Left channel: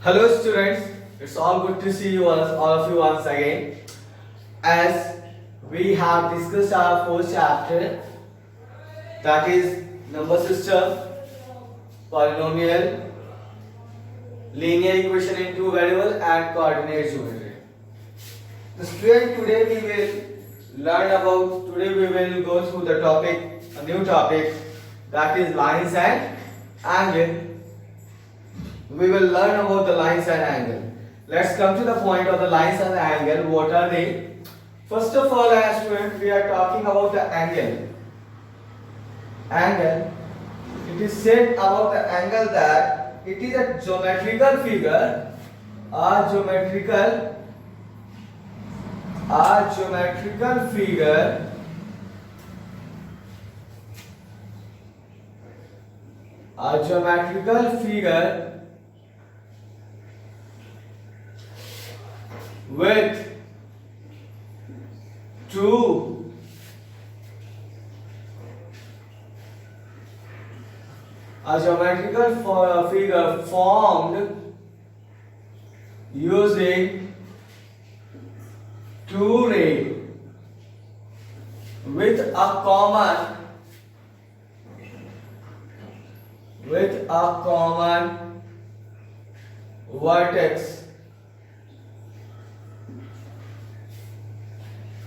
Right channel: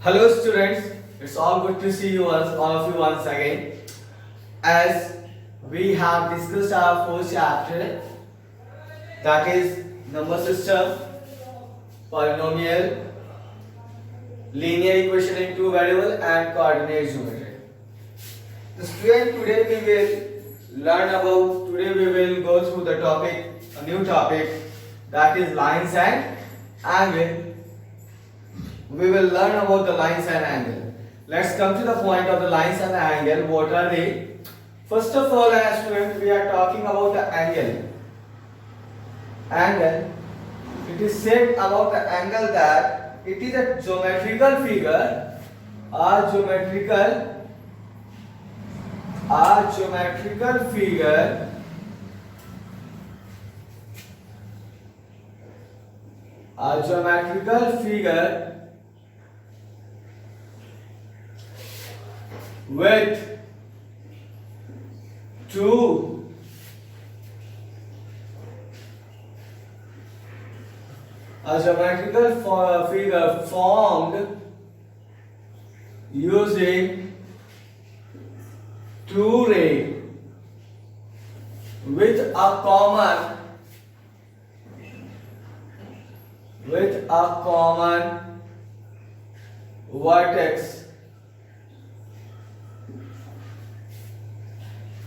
Hello students, it's all good to see you all of you once again. As we have discussed our first chapter, that is number system, polynomial, linear equation in two variable and coordinate geometry. The student today we will go through the topic, a new topic, that is lines and angle. We will learn about the lines and angle. Let's come to the point of the lines and the angle. What are they? First of all, as students, we are talking about the angle. Angle. It is said about the angle that it is a geometrical figure. A geometrical figure with two figure formed using two rays with a common vertex.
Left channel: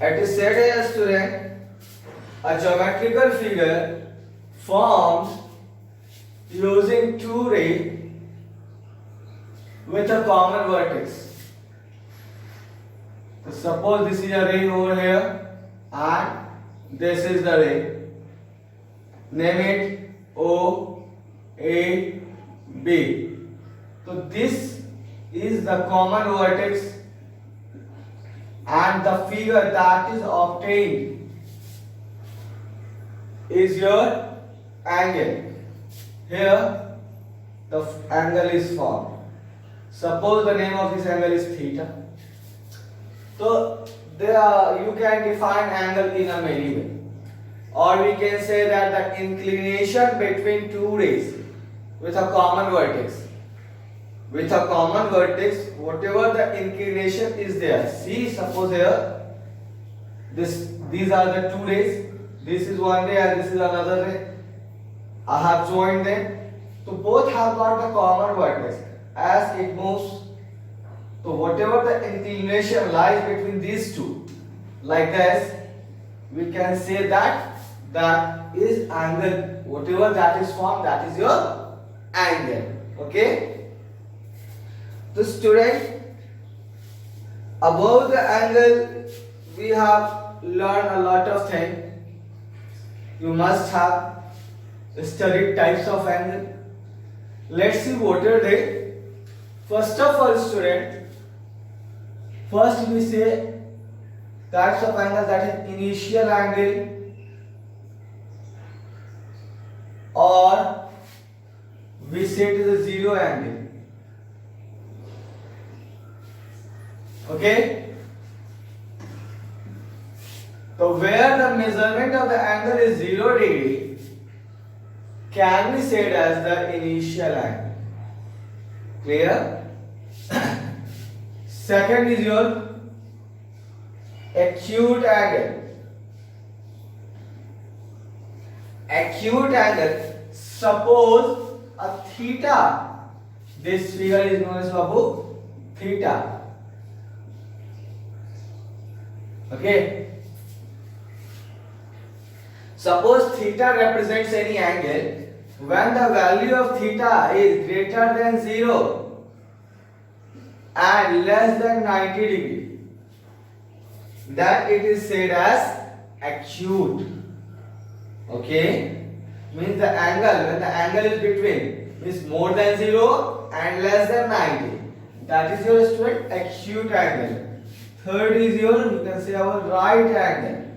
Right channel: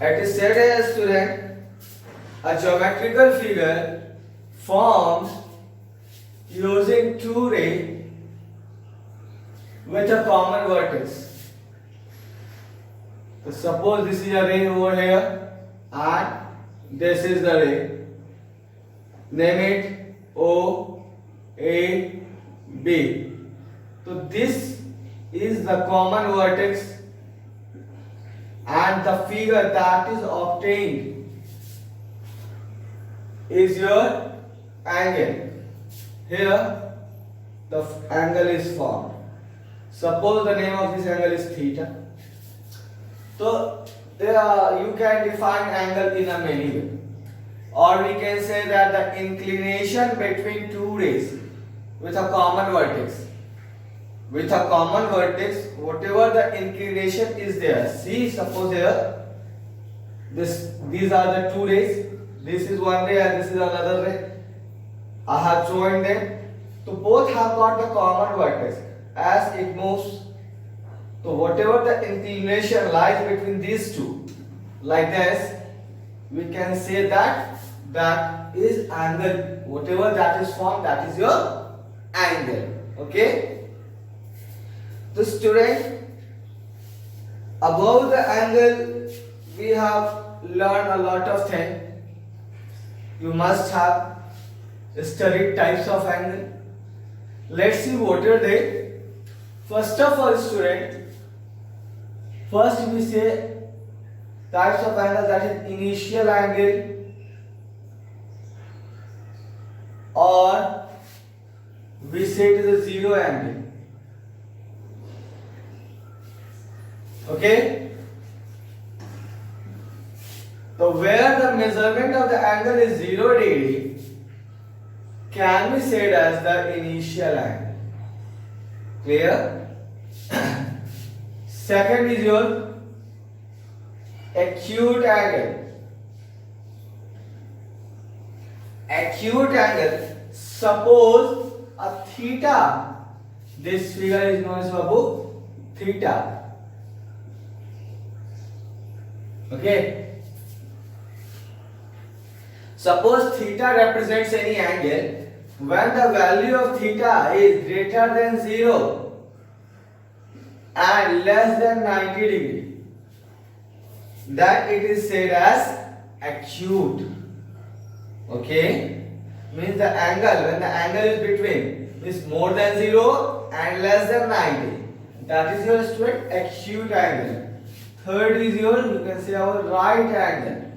It is said as a student, a geometrical figure formed using two rays with a common vertex. So suppose this is a ray over here and this is the ray. Name it O, A, B. So this is the common vertex and the figure that is obtained is your angle. Here the angle is formed. Suppose the name of this angle is theta. So you can define angle in a many way, or we can say that the inclination between two rays with a common vertex. With a common vertex, whatever the inclination is there. See, suppose here, these are the two rays. This is one ray and this is another ray. I have joined them. So both have got the common vertex. As it moves, so whatever the inclination lies between these two, like this, we can say that is angle. Whatever that is formed, that is your angle. Okay. The student, above the angle, we have learned a lot of things. You must have studied types of angle. Let's see what are they. First of all, student, first we say types of angle, that is initial angle, or we say it is a zero angle. Okay, so where the measurement of the angle is 0 degree can be said as the initial angle. Clear? Second is your acute angle. Acute angle, suppose a theta, this figure is known as Babu theta. Okay. Suppose theta represents any angle when the value of theta is greater than 0 and less than 90 degree, then it is said as acute. Okay. Means the angle, when the angle is between is more than 0 and less than 90, that is your student acute angle. Third is your, you can say, our right angle.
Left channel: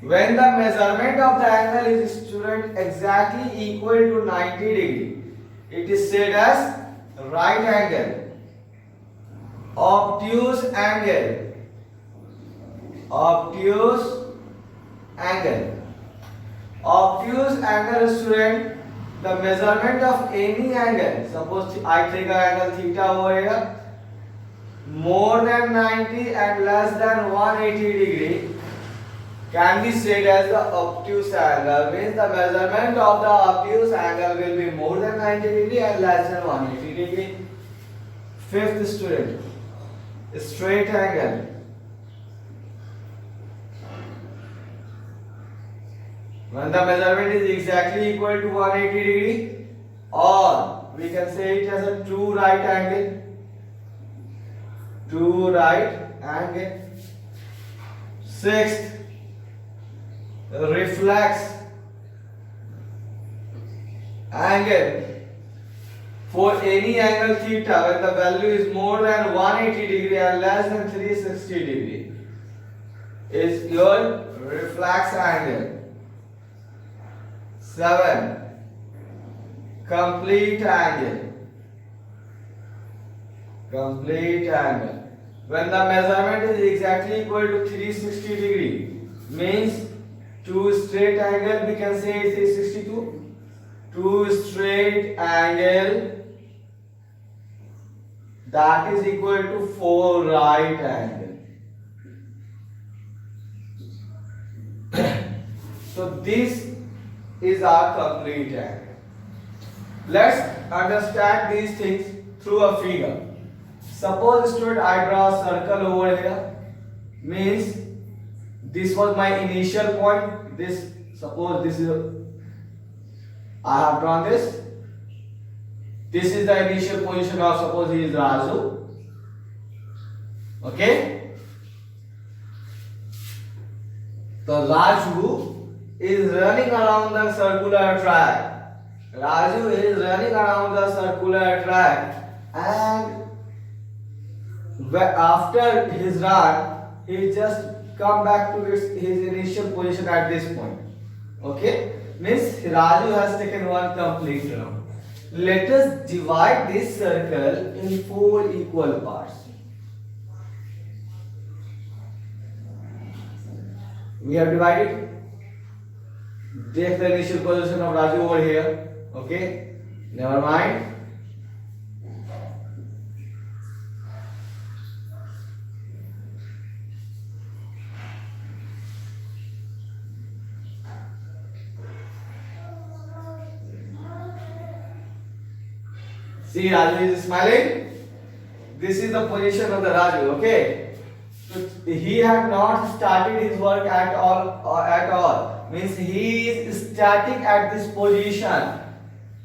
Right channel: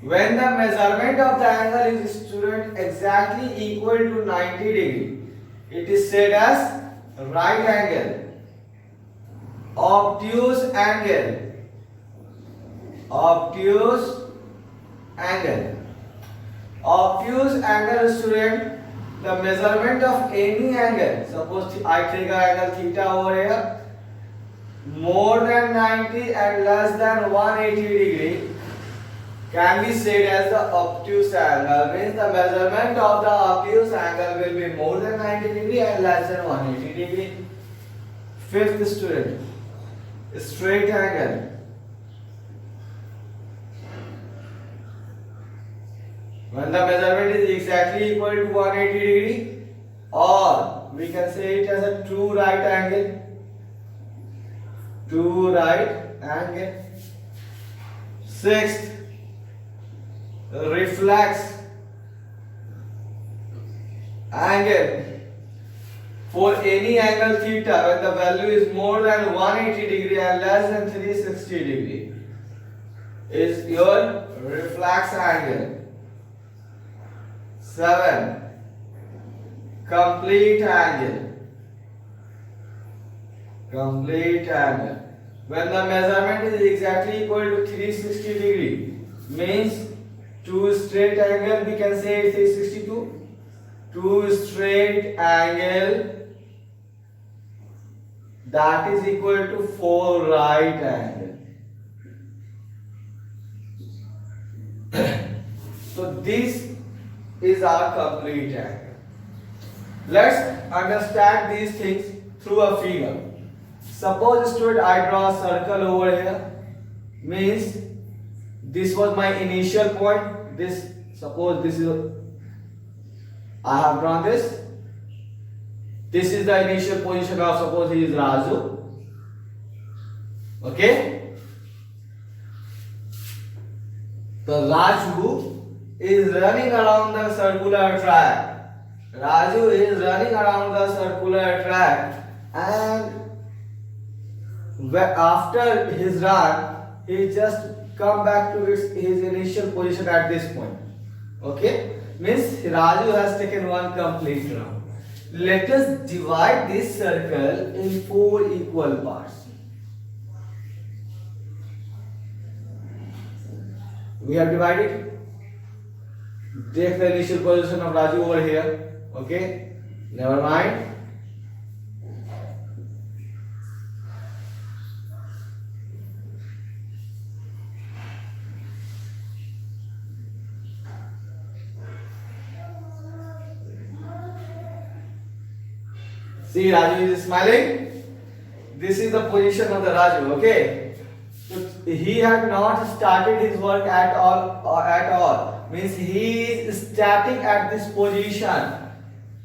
When the measurement of the angle is, student, exactly equal to 90 degree, it is said as right angle. Obtuse angle. Obtuse angle. Obtuse angle, student, the measurement of any angle, suppose I take an angle theta over here, more than 90 and less than 180 degree, can be said as the obtuse angle. Means the measurement of the obtuse angle will be more than 90 degree and less than 180 degree. Fifth student, straight angle. When the measurement is exactly equal to 180 degree, or we can say it as a true right angle. True right angle. Sixth, reflex angle. For any angle theta, when the value is more than 180 degree and less than 360 degree, is your reflex angle. 7. Complete angle. Complete angle. When the measurement is exactly equal to 360 degree, means two straight angle, we can say it is 362. Two straight angle, that is equal to 4 right angle. So this is our complete angle. Let's understand these things through a figure. Suppose student, I draw a circle over here. Means this was my initial point. This, suppose this is, I have drawn this. This is the initial position of, suppose he is Raju. Okay. So Raju is running around the circular track. Raju is running around the circular track, and after his run, he just come back to his initial position at this point. Okay, means Raju has taken one complete round. Let us divide this circle in 4 equal parts. We have divided. Take the initial position of Raju over here. Okay, never mind. See, Raju is smiling. This is the position of the Raju. Okay, so he had not started his work at all. Means he is static at this position.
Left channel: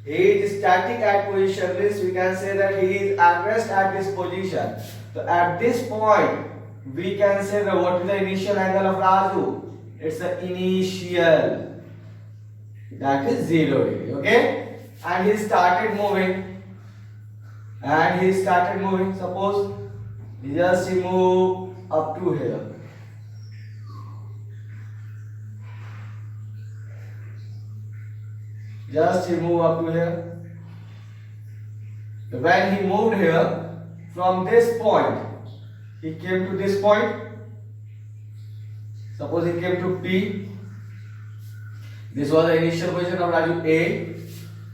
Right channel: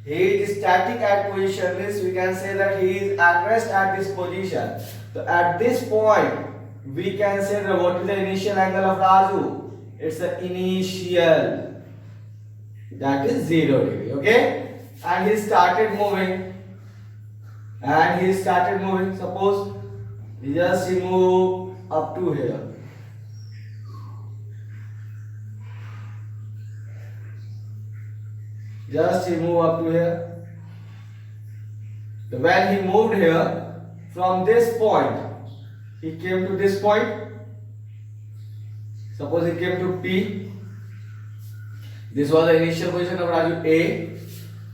He is static at position, means we can say that he is at rest at this position. So at this point, we can say that what is the initial angle of Raju? It's the initial, that is 0 degree. Okay, and he started moving. Suppose he just move up to here. Just he move up to here. So when he moved here, from this point, he came to this point. Suppose he came to P. This was the initial position of Raju A.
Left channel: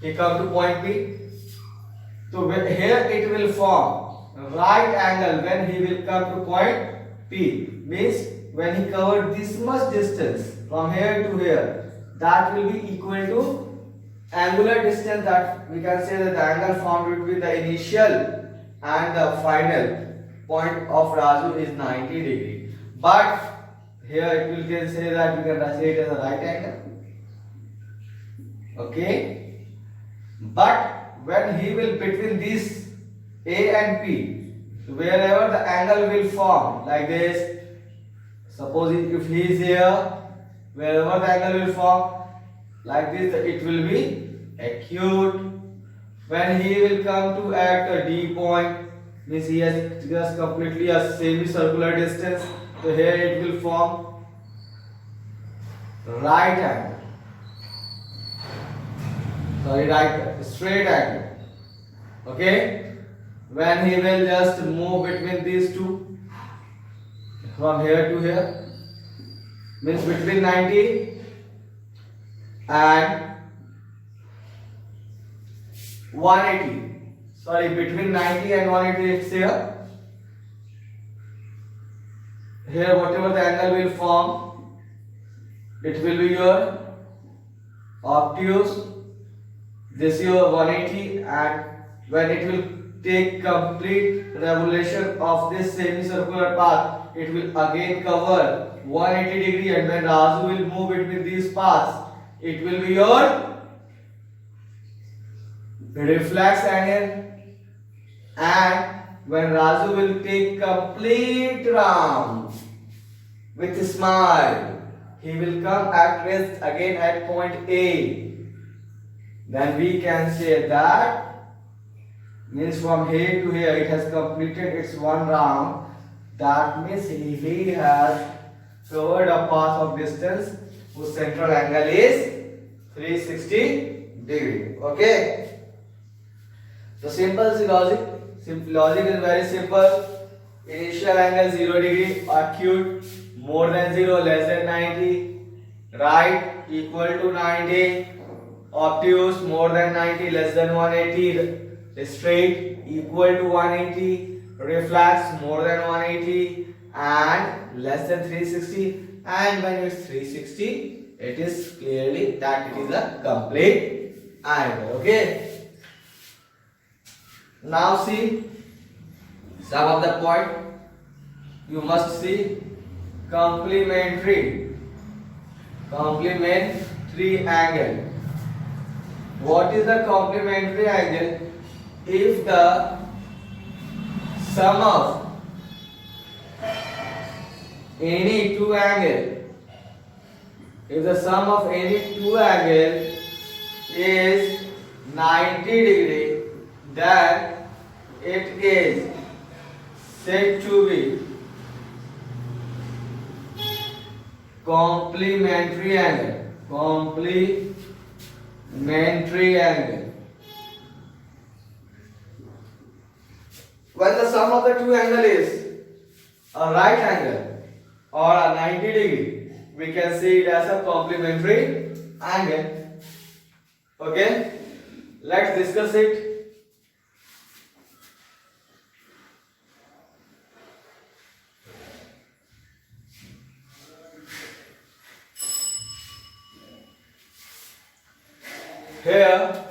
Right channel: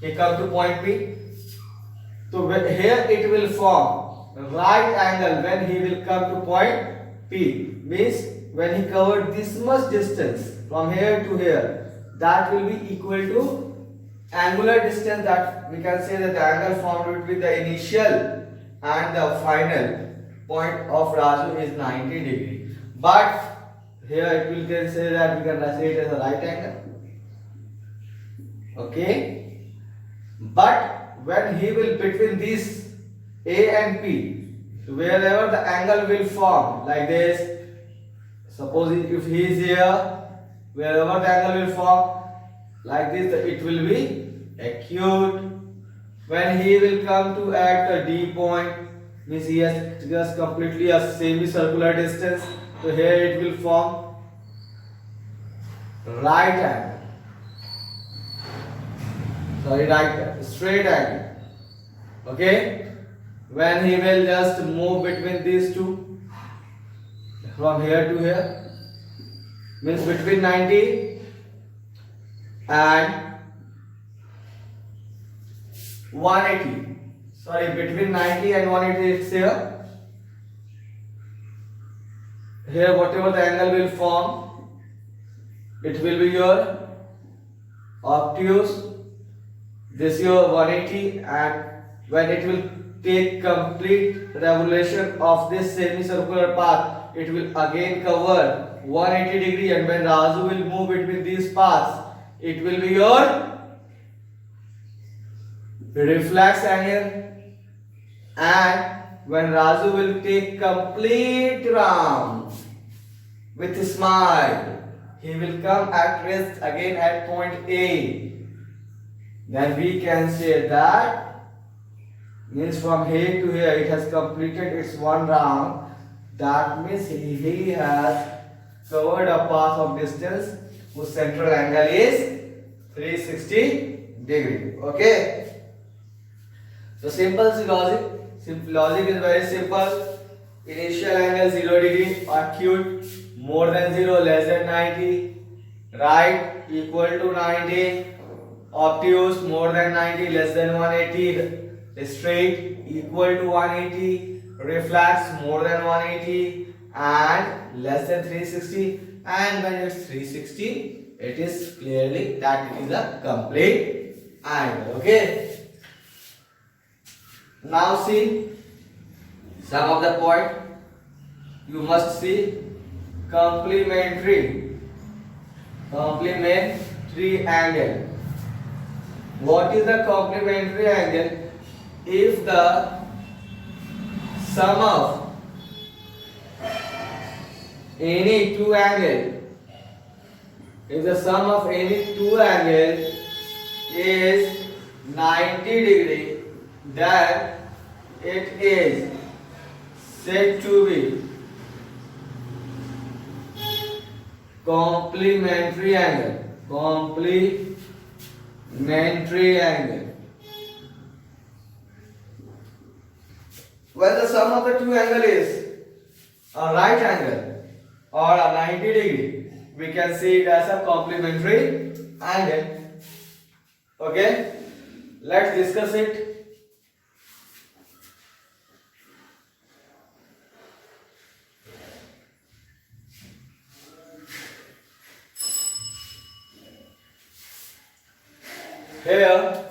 He come to point P. So here it will form right angle when he will come to point P. Means when he covered this much distance from here to here, that will be equal to angular distance, that we can say that the angle formed between the initial and the final point of Raju is 90 degree. But here it will can say that we can say it as a right angle. Okay. But when he will between this A and P, wherever the angle will form like this, suppose if he is here, wherever the angle will form like this, it will be acute. When he will come to at a D point, means he has just completely a semicircular distance, so here it will form right angle. Straight angle. Okay, when he will just move between these two from here to here, means between 90 and 180. Sorry, between 90 and 180 it's here. Here whatever the angle will form, it will be your obtuse, this your 180, and when it will take complete revolution of this semicircular path, it will again cover 180 degree, and when Raju will move between these paths, it will be your reflex angle, and when Raju will take complete round with a smile, he will come at rest again at point A. Then we can say that means from here to here it has completed its one round. That means he has covered a path of distance whose central angle is 360 degree. Okay. So simple logic. Logic is very simple. Initial angle 0 degree, acute more than 0, less than 90, right equal to 90, obtuse more than 90, less than 180, straight equal to 180, reflex more than 180 and less than 360, and when it's 360 it is clearly that it is a complete angle. Okay. Now see some of the point you must see. Complementary angle. What is the complementary angle? If the sum of any two angle, is 90 degree, then it is said to be complementary angle. When the sum of the two angle is a right angle or a 90 degree, we can see it as a complementary angle. Okay, let's discuss it. Here,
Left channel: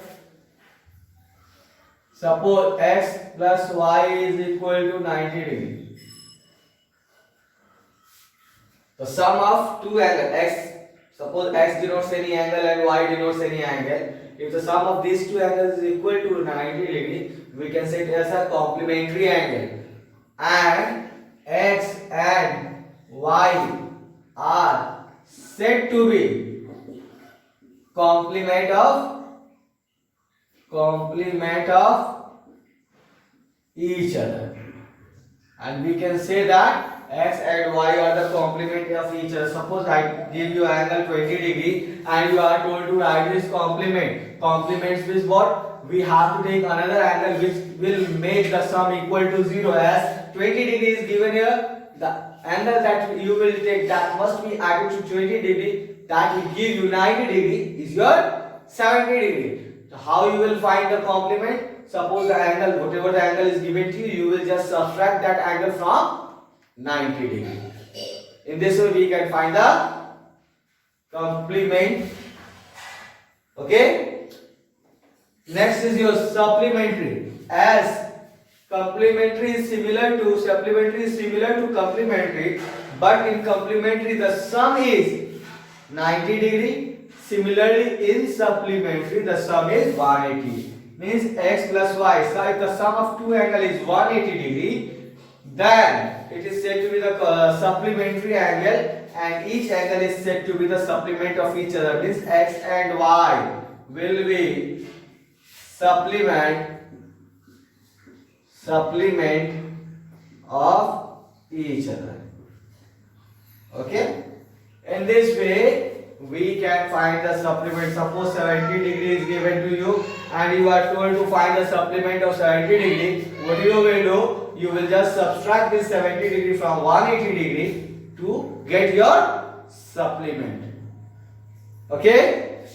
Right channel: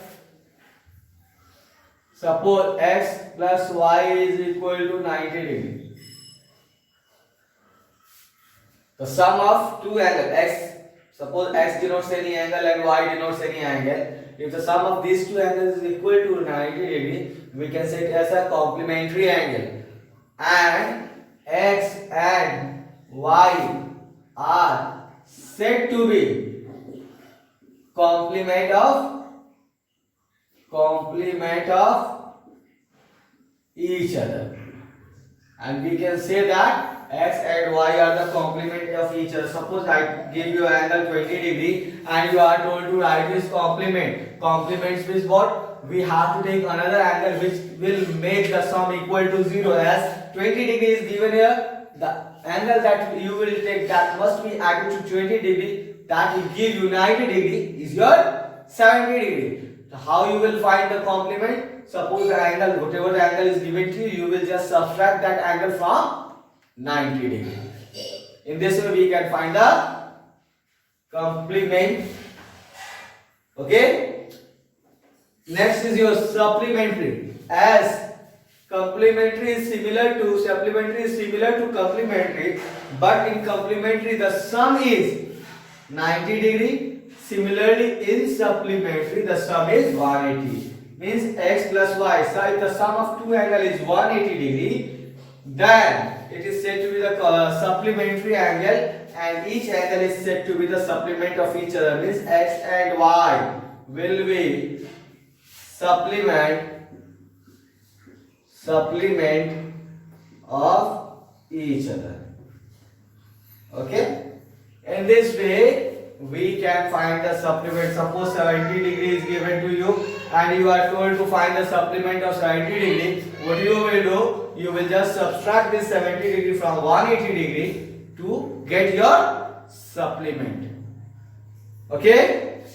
suppose x plus y is equal to 90 degree. The sum of two angles, x, suppose x denotes any angle and y denotes any angle. If the sum of these two angles is equal to 90 degree, we can say it as a complementary angle. And x and y are said to be complement of each other, and we can say that x and y are the complement of each other. Suppose I give you angle 20 degree and you are told to write this complement. Complements means what? We have to take another angle which will make the sum equal to 0. As 20 degree is given here, the angle that you will take that must be added to 20 degree, that will give you 90 degree is your 70 degree. How you will find the complement? Suppose the angle, whatever the angle is given to you, you will just subtract that angle from 90 degree. In this way we can find the complement. Okay. Next is your supplementary. As supplementary is similar to complementary, but in complementary the sum is 90 degree. Similarly, in supplementary, the sum is 180. Means x plus y. So, if the sum of two angle is 180 degree, then it is said to be the supplementary angle, and each angle is said to be the supplement of each other. Means x and y will be supplement of each other. Okay. In this way, we can find the supplement. Suppose 70 degree is given to you and you are told to find the supplement of 70 degree. What you will do? You will just subtract this 70 degree from 180 degree to get your supplement. Okay?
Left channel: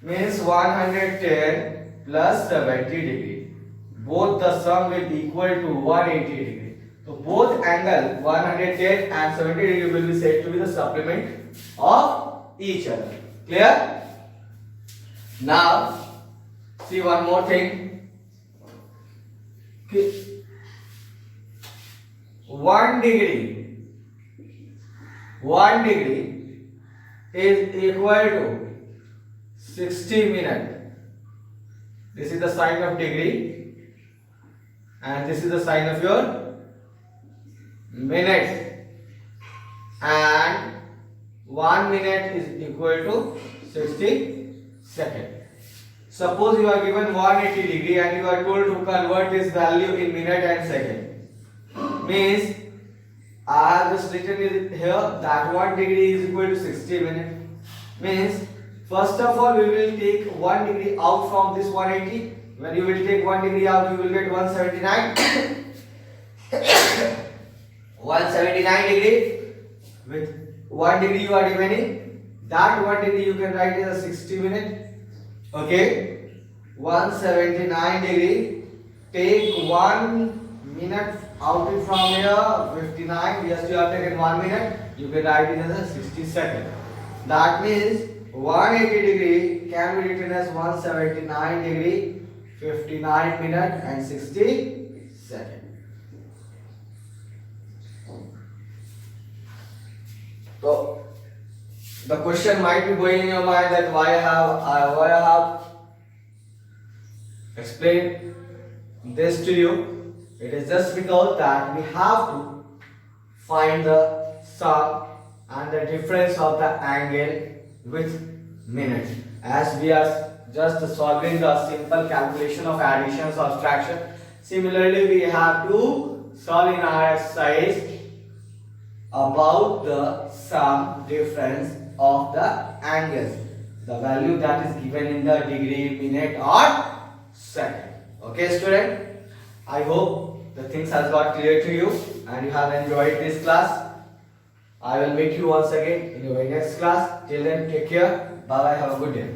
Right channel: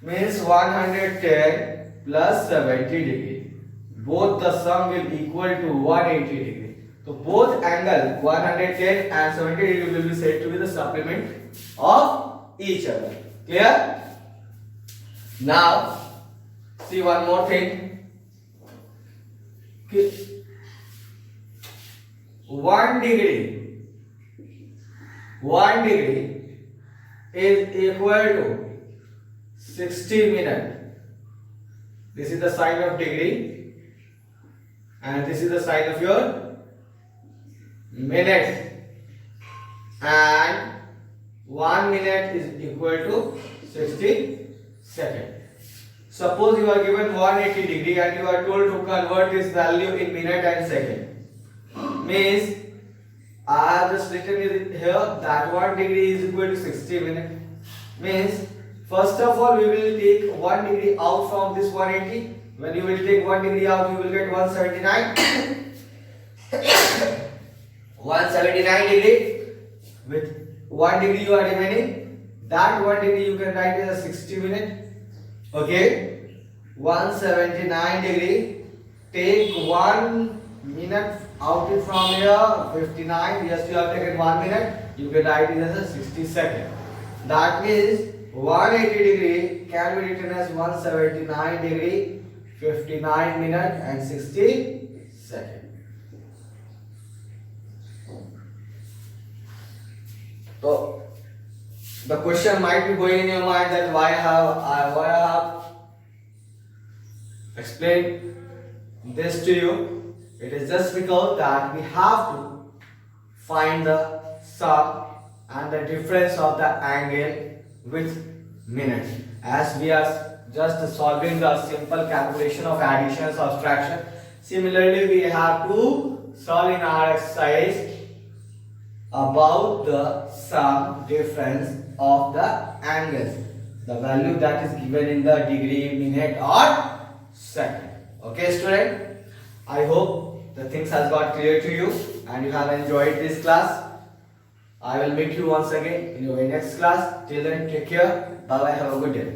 Means 110 plus 70 degree. Both the sum will equal to 180 degree. So both angle 110 and 70 degree will be said to be the supplement of each other. Clear? Now see one more thing. 1 degree is equal to 60 minutes. This is the sign of degree and this is the sign of your minute, and 1 minute is equal to 60 seconds. Suppose you are given 180 degree and you are told to convert this value in minute and second. Means I have just written it here that 1 degree is equal to 60 minutes. Means first of all we will take 1 degree out from this 180. When you will take 1 degree out, you will get 179. 179 degree. With 1 degree you are remaining. That 1 degree you can write as a 60 minutes. Okay, 179 degree. Take 1 minute out it from here. 59. Yes, you have taken 1 minute. You can write it as a 60 seconds. That means 180 degree can be written as 179 degree, 59 minutes and 60 seconds. So the question might be going in your mind that why I have explained this to you. It is just because that we have to find the sum and the difference of the angle with minute, as we are just solving the simple calculation of addition or subtraction. Similarly, we have to solve in our exercise about the sum difference of the angles, the value that is given in the degree, minute or second. Okay student, I hope the things has got clear to you and you have enjoyed this class. I will meet you once again in your next class. Till then, take care. Bye bye. Have a good day.